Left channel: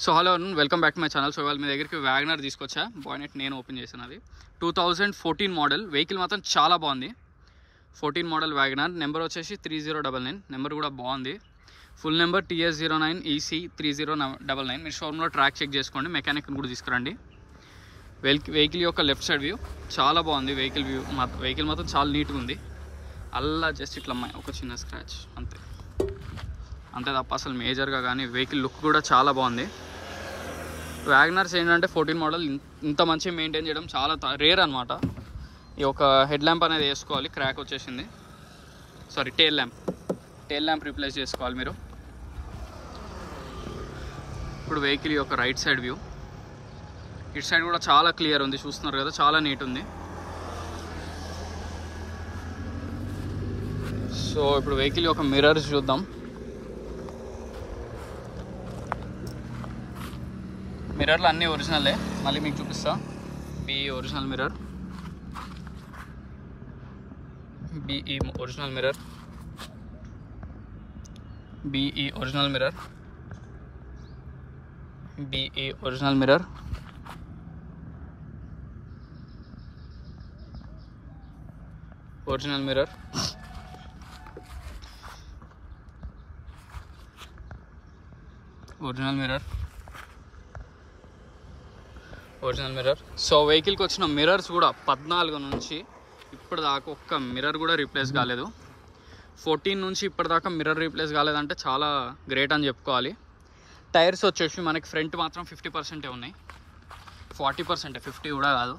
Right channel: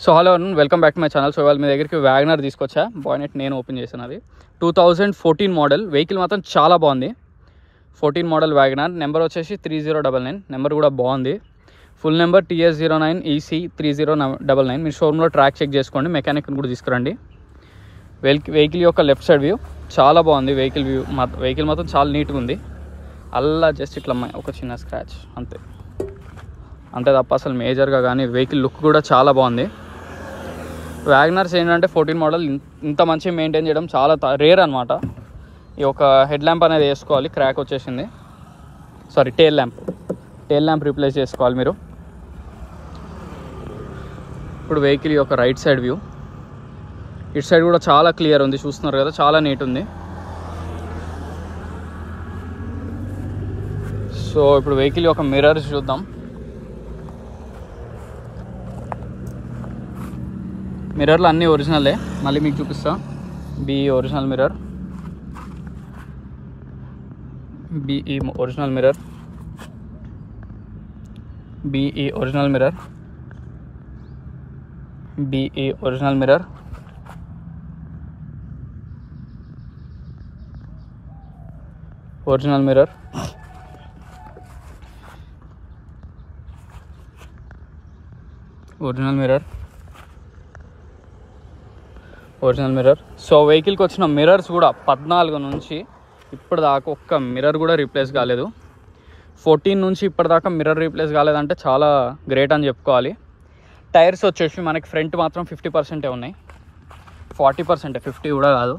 So hello welcome back to my channel. So ఇవాళ మీ దగ్గరికి Wagon R తీసుకొచ్చా. బాయ్నెట్ నేను ఓపెన్ చేశాను. అది 2014 మోడల్ వెహికల్ మాత్రం చాలా బాగుంది. 14 మోడల్ వ్యాగనర్. నెంబర్ వచ్చేసి 3099. నెంబర్ కూడా బాగుంది. Full number TS09EC3099. మీరు షోరూంలో ట్రాక్ చెక్ చేసుకోండి. మెకానిక్ని కూడా తీసుకురండి. వెహికల్ యొక్క లెఫ్ట్ సైడ్ వ్యూ చాలా బాగుంది. వెహికల్ మాత్రం చాలా నీట్గా ఉంది. అలా జస్ట్ ఇట్లా ఒక చిన్న స్క్రాచ్ అంతే తప్ప అసలు మేజర్గా కానీ వెహికల్ లుక్ కూడా చాలా బాగుంది. వ్యాగనర్స్ ఏంటంటే 14 మోడల్ ఇంత మంచిగా మెయింటైన్ చేయడం చాలా రేర్ అనమాట. ఈ ఒక హెడ్ ల్యాంప్ అనేది వేసుకోవాలి, క్రాక్ వచ్చేసింది. టేల్ ల్యాంప్ రీప్లేస్ చేసుకోవాలి మీరు. ఇప్పుడు వెహికల్ యొక్క రైట్ సైడ్ వ్యూ, ఇటు సైడ్ కూడా చాలా క్లియర్ ఉంది, చూస్తున్నారు కదా, చాలా నీట్ ఉంది. సో ఇప్పుడు వెహికల్ యొక్క మిర్రర్స్ చూద్దాం. మిర్రర్లు అన్నీ ఒరిజినలే, మళ్ళీ మీకు చూపిస్తా. BE original mirror, BE original mirror, BE original mirror, BE original mirror, original mirror, original mirror, original mirror. So వెహికల్కి వచ్చిన మిర్రర్స్ కూడా 14 నుంచి ఇప్పటిదాకా ఒక్క మిర్రర్ కూడా రీప్లేస్ కాలేదు. 14 నుంచి ఇప్పటిదాకా మిర్రర్ రీప్లేస్ కాలేదంటే చాలా గ్రేట్ అని చెప్పుకోవాలి. టైర్స్ వచ్చేసి మనకి ఫ్రంట్ మాత్రం 50% ఉన్నాయి. 40%, 50 కూడా కాదు,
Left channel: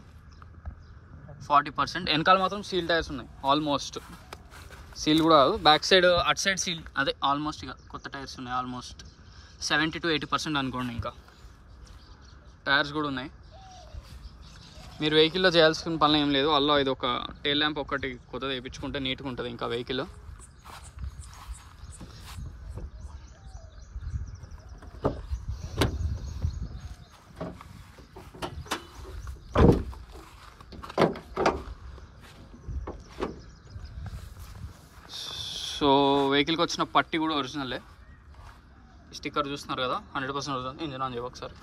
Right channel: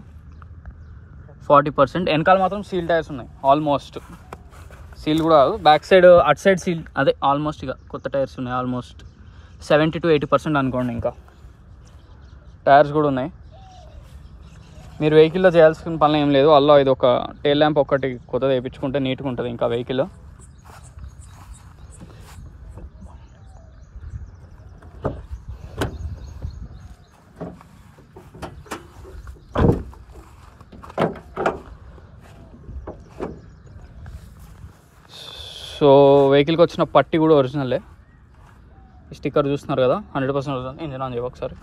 40%. వెనకాల మాత్రం సీల్ టైర్స్ ఉన్నాయి. ఆల్మోస్ట్ సీల్ కూడా కాదు, బ్యాక్ సైడ్ అటు సైడ్ సీల్, అదే ఆల్మోస్ట్ ఇక కొత్త టైర్స్ ఉన్నాయి. ఆల్మోస్ట్ 70 to 80% అనుకోండి. ఇంకా టైర్స్ కూడా ఉన్నాయి. మీరు వెహికల్లో చేయాల్సిన పనులు ఏం లేదు. అలా ఇది ఒక టేల్ ల్యాంప్ ఒకటి కొత్తది వేయించుకుంటే నీట్గా ఉంటుంది ఇంకా వెహికల్. సో వెహికల్కి వచ్చిన పట్టి కూడా ఒరిజినలే. ఈ స్టిక్కర్ చూస్తున్నారు కదా, 100% ఒరిజినల్. ఇంజన్ ఆన్ చేయవు ఒకసారి.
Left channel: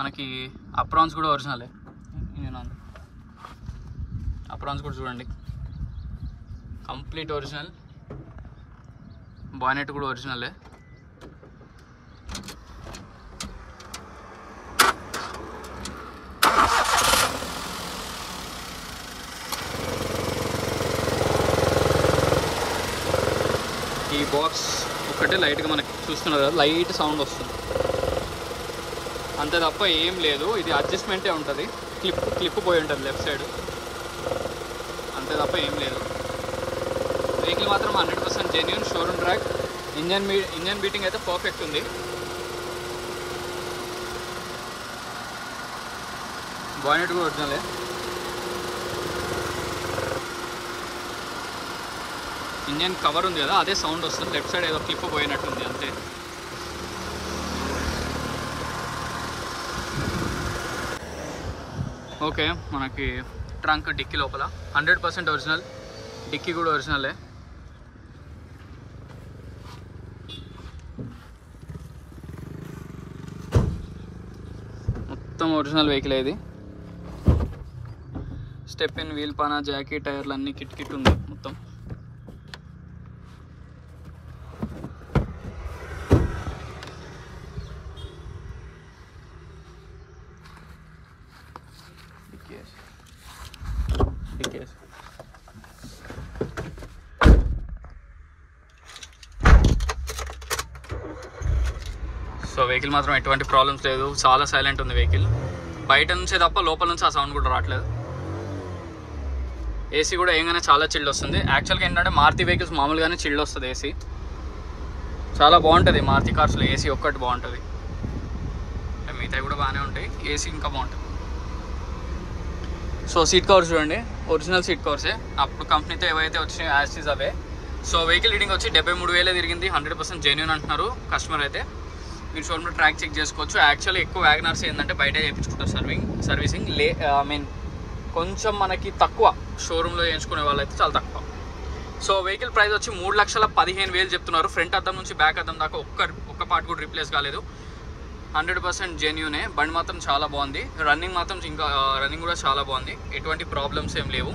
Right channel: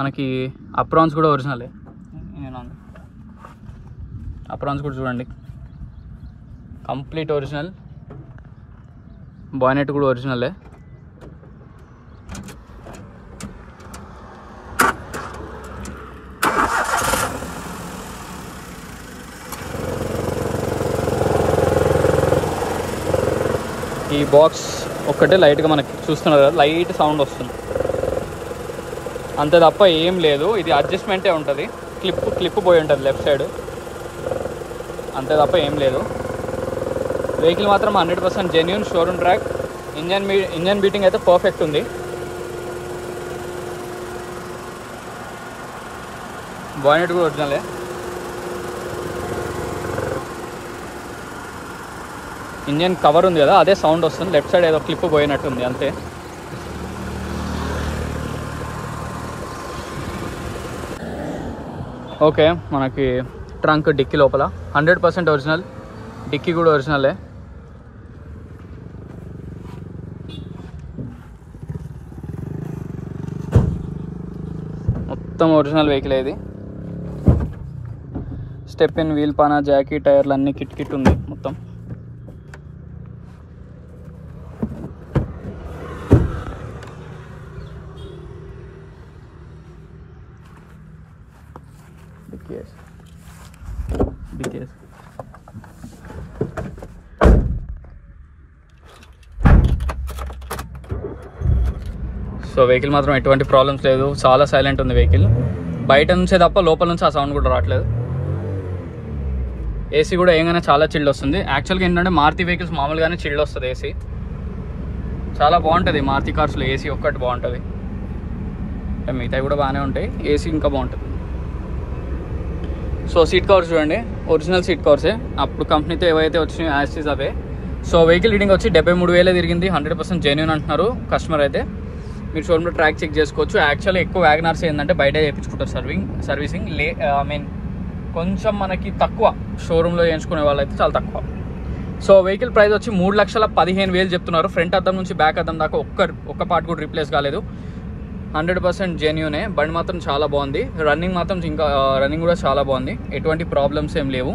మనకి అప్రాన్స్ కూడా ఒరిజినలే. ఇంజన్ ఆన్, అప్రాన్స్ కూడా చూడండి, కంప్లీట్ ఒరిజినల్. బాయ్నెట్ కూడా ఒరిజినలే. ఈ బాక్స్ ఒక్కటే లైట్గా మనకి చూస్తున్నారు కదా, లైట్ సౌండ్ వస్తుంది అంతే తప్ప ఏం లేదు. ఇది అడ్జస్ట్మెంటే ఉంటుంది. క్లిప్ పోయి ఉంటుంది లెఫ్ట్ సైడ్, అంతే తప్ప ఏం లేదు. వెహికల్ మాత్రం 100% genuine showroom track. Engine beating అయితే పర్ఫెక్ట్ ఉంది. బాయ్నెట్ కూడా ఒరిజినలే. ఇంజన్ కవర్ ఉంది కదా, అదే సౌండ్ వస్తుంది. లెఫ్ట్ సైడ్ ఏదో క్లిప్ పోయినట్టుంది అంతే. ఓకే, మనకి ట్రంక్ డిక్కీ లోపల 100% ఒరిజినల్. డిక్కీ కూడా ఒరిజినలే. మొత్తం ఒరిజినల్ వెహికల్ ఇది. స్టెప్ ఇన్, వీల్ పానా, జాకీ, టైర్లు అన్నీ కిట్ ఉంది మొత్తం. సో వెహికల్ మాత్రం ఎటువంటి ప్రాబ్లమ్స్ లేదు, చాలా సైలెంట్ ఉంది వెహికల్. బయట నుంచే తప్ప లోపల నుంచి ఆ సౌండ్ కూడా రావట్లేదు. ఏసీ కూడా ఏంగానే చాలా చిల్డ్ వస్తుంది. యాక్చువల్గా ఏంటంటే మారుతి వెహికల్స్ మామూలుగానే చిల్డ్ వస్తుంది ఏసీ. చాలా బాగుంటుంది మారుతి కార్స్లో ఏసీ ఒక్కటి బాగుంటుంది. మిగతాయి కూడా బాగానే ఉంటాయి, ఏసీ ఇంకా బాగుంటుంది. సో సీట్ కవర్స్ చూడండి, ఒరిజినల్ సీట్ కవర్సే. అప్పుడు కంపెనీతో ఏవైతే వచ్చినాయో యాస్టీస్ అవే. సో వెహికల్ రీడింగ్ వచ్చి 73,000 తిరిగింది. 100% జెన్యూన్ అంటున్నారు కస్టమర్ అయితే. మీరు షోరూంలో ట్రాక్ చెక్ చేసుకోవచ్చు. యాక్చువల్లీ ఎక్కువ వ్యాగనర్స్ ఏంటంటే బయట చేయించుకుంటారు సర్వీసింగ్. కొంచెం మనకి తక్కువ, షోరూంలో చేయించుకునే వాళ్ళైతే చాలా తక్కువ. సో వెహికల్ ప్రైస్ వచ్చి 3,15,000 చెప్తున్నారు. ఫ్రంట్ అద్దం నుంచి బ్యాక్ అద్దం దాకా ఒక్క పార్ట్ కూడా రీప్లేస్ కాలేదు. 100% జెన్యూనే. బండి మాత్రం చాలా బాగుంది. రన్నింగ్ మాత్రం ఇంకా రన్నింగ్ కూడా చాలా బాగుంది. ఎటువంటి ప్రాబ్లమ్స్ ఏం లేవు.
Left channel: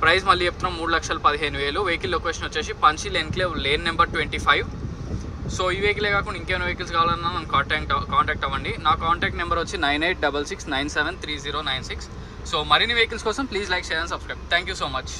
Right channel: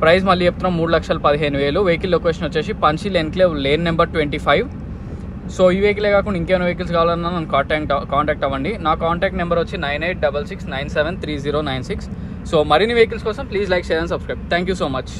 ప్రైస్ మళ్ళీ చెప్తున్నాం 3,15,000. వెహికల్ లొకేషన్ వచ్చేసి పంచిల్ ఎన్క్లేవ్ లేన్ నెంబర్ 25. సో ఈ వెహికలే కాకుండా ఇంకేమైనా వెహికల్స్ కావాలన్నా నన్ను కాంటాక్ట్ అవ్వండి. నా కాంటాక్ట్ నెంబర్ వచ్చి 9866973096. సో మరిన్ని వెహికల్స్ కోసం please like, share and subscribe. Thank you so much.